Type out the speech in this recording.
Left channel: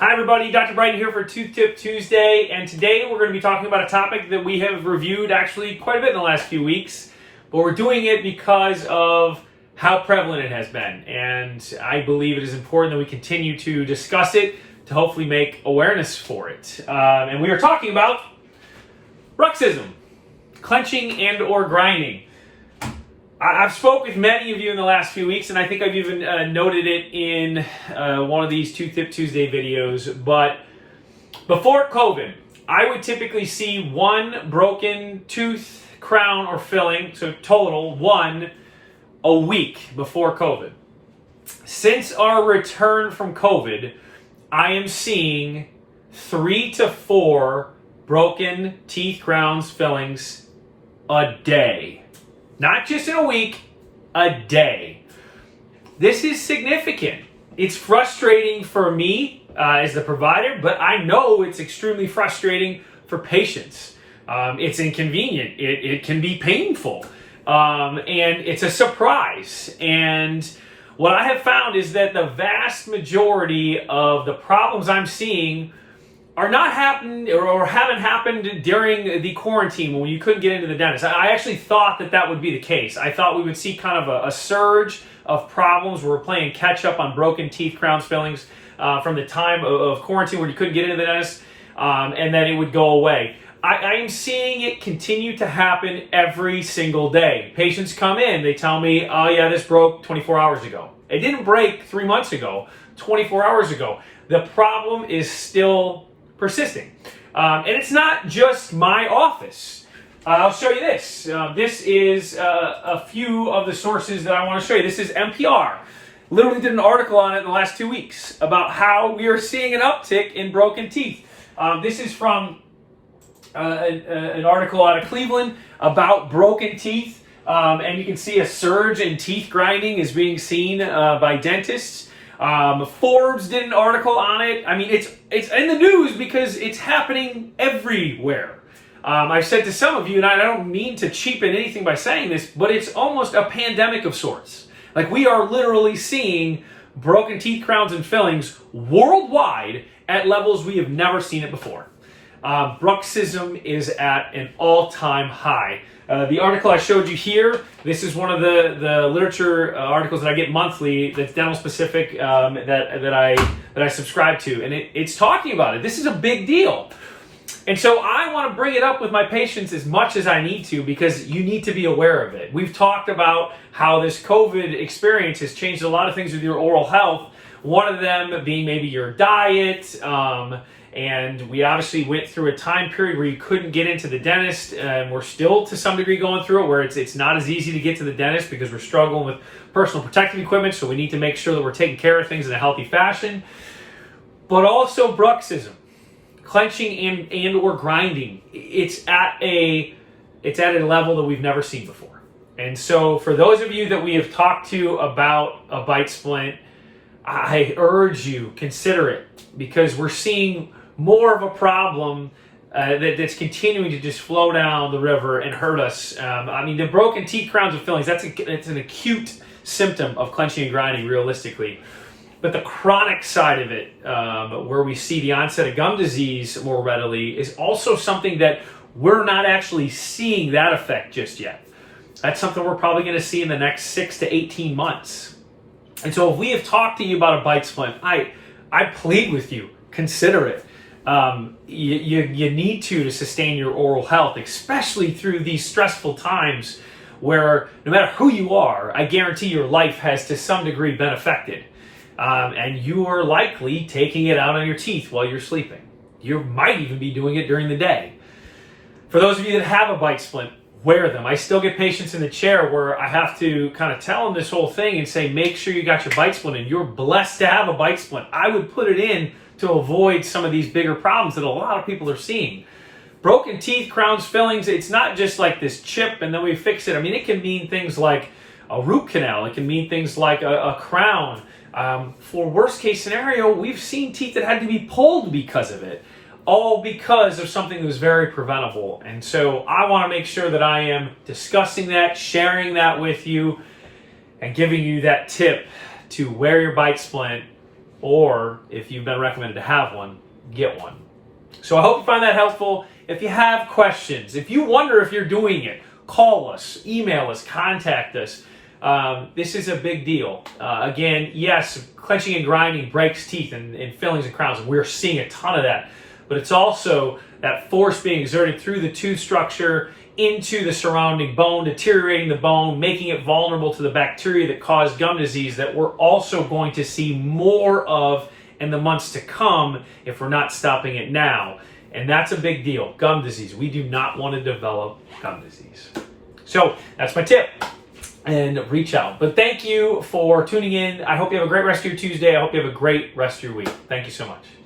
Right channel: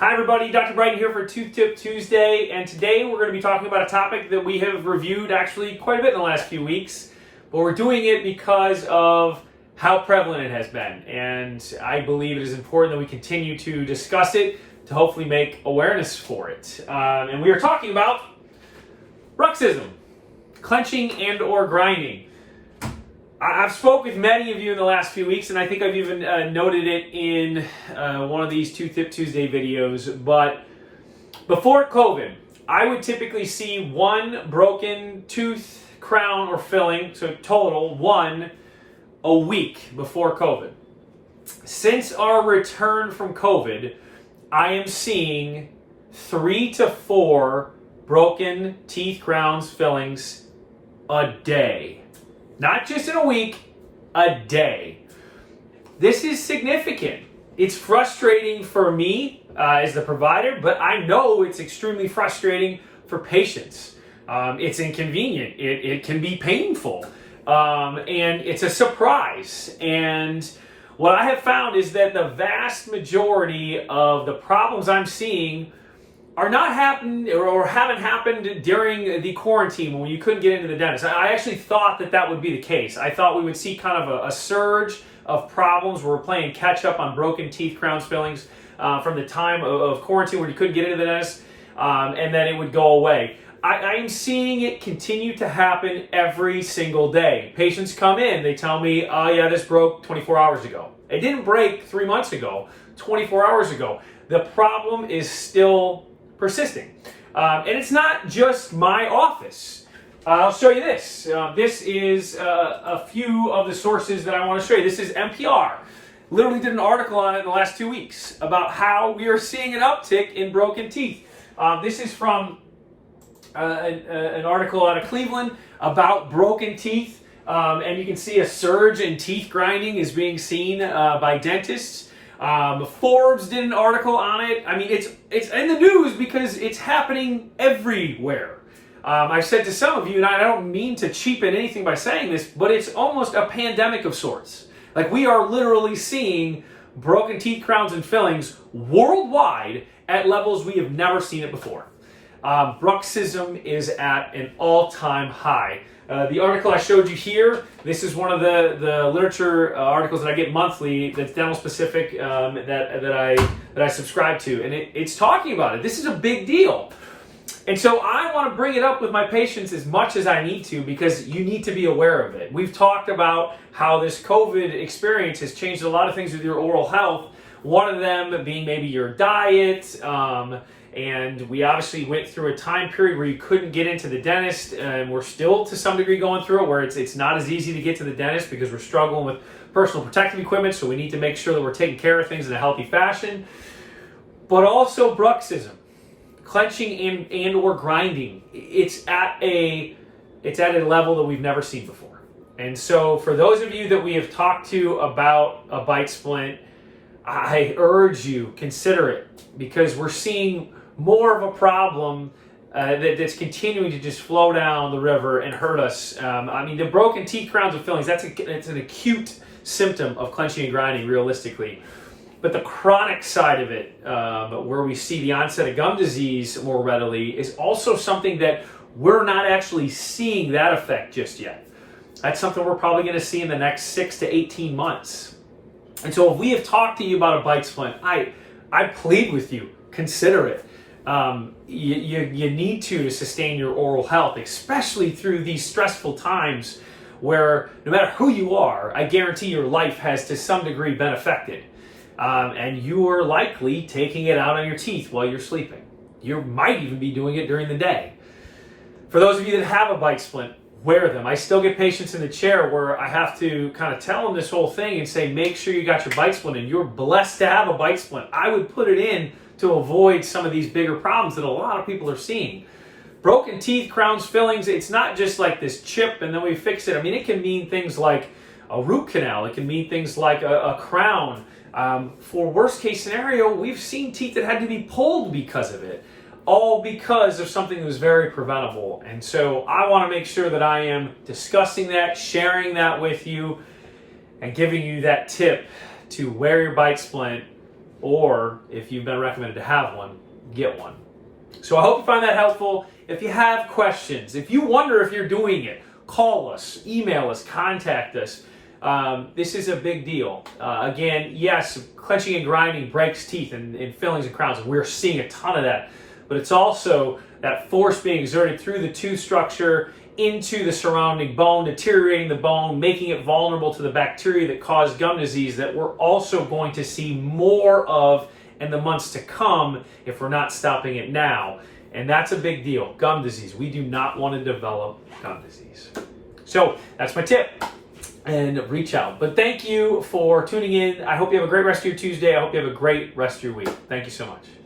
Hi everybody, Dr. Bryton here for Tooth Tip Tuesday, and today we're going to be talking about a topic that we have reviewed actually quite a bit in the last few weeks, but we're doing it because of how prevalent it has been, and I believe it is important that we continue to discuss it to hopefully make awareness for it. And we are talking about Bruxism, clenching and or grinding. I've spoke with many of you in the last few weeks, and I think I've even noted it in one of these Tooth Tip Tuesday videos, but before COVID, I would typically see one broken tooth, crown, or filling, so total one a week before COVID. Since our return from COVID, I am seeing 3 to 4 broken teeth, crowns, fillings a day. Not just in a week, a day. This is significant. It's frustrating for me as the provider, but I know it's extremely frustrating for patients. It's inconvenient. It can be painful. And it's a surprise. And what I have found is that the vast majority of the problems I'm seeing are not happened or haven't happened during the quarantine when you couldn't get into the dentist. I actually thought that would be the case. I thought we would see kind of a surge of problems where we're playing catch up on broken teeth, crowns, fillings from the time of quarantine where you couldn't get into the dentist, and then it would go away. I am seeing it continue to happen every single day. Patients come in, they tell me, oh yeah, this broke 24 hours ago. It didn't break 3 months ago, 24 hours ago. The problem is still persisting. And it's not just my office. I'll show you this. This is a few of the sources that I want to show you. This is NPR. Literally did an article on it in the last 2 weeks about how we are seeing an uptick in broken teeth. This is from an article out of Cleveland about broken teeth. And you can see a surge in teeth grinding is being seen by dentists. Forbes did an article on it. I mean, it's in the news because it's happening everywhere. I've said to some of you, and I don't mean to cheapen anything by saying this, but it's almost a pandemic of sorts. Like, we are literally seeing broken teeth, crowns, and fillings worldwide at levels we have never seen it before. Bruxism is at an all-time high. The article I showed you here, this is one of the literature articles that I get monthly that's dental specific that I subscribe to, and it's talking about it. This is a big deal. And so I want to bring it up with my patients as much as I need to because you need to be aware of it. We've talked about how this COVID experience has changed a lot of things with your oral health, one of them being maybe your diet, and we obviously went through a time period where you couldn't get into the dentist, and we're still to some degree going through it where it's not as easy to get to the dentist because we're struggling with personal protective equipment, so we need to make sure that we're taking care of things in a healthy fashion. But also Bruxism, clenching and or grinding, it's at a level that we've never seen before. And so for those of you that we have talked to about a bite splint, I urge you, consider it, because we're seeing more of a problem that's continuing to just flow down the river and hurt us. I mean, the broken teeth, crowns, and fillings, it's an acute symptom of clenching and grinding, realistically. But the chronic side of it, where we see the onset of gum disease more readily, is also something that we're not actually seeing that effect just yet. That's something we're probably going to see in the next 6 to 18 months. And so if we have talked to you about a bite splint, I plead with you, consider it. You need to sustain your oral health, especially through these stressful times where no matter who you are, I guarantee your life has to some degree been affected. And you are likely taking it out on your teeth while you're sleeping. You might even be doing it during the day. For those of you that have a bite splint, wear them. I still get patients in the chair where I have to kind of tell them this whole thing and say, make sure you got your bite splint in. You're blessed to have a bite splint. I would put it in to avoid some of these bigger problems that a lot of people are seeing. Broken teeth, crowns, fillings, it's not just like this chip and then we fix it. I mean, it can mean things like a root canal. It can mean things like a crown. For worst case scenario, we've seen teeth that had to be pulled because of it. All because of something that was very preventable. And so I want to make sure that I am discussing that, sharing that with you, and giving you that tip to wear your bite splint or if you've been recommended to have one, get one. So I hope you find that helpful. If you have questions, if you wonder if you're doing it, call us, email us, contact us. This is a big deal. Again, yes, clenching and grinding breaks teeth and fillings and crowns, and we're seeing a ton of that. But it's also that force being exerted through the tooth structure into the surrounding bone, deteriorating the bone, making it vulnerable to the bacteria that cause gum disease that we're also going to see more of in the months to come if we're not stopping it now. And that's a big deal. Gum disease. We do not want to develop gum disease. So that's my tip. And reach out. But thank you for tuning in. I hope you have a great rest of your Tuesday. I hope you have a great rest of your week. Thank you so much.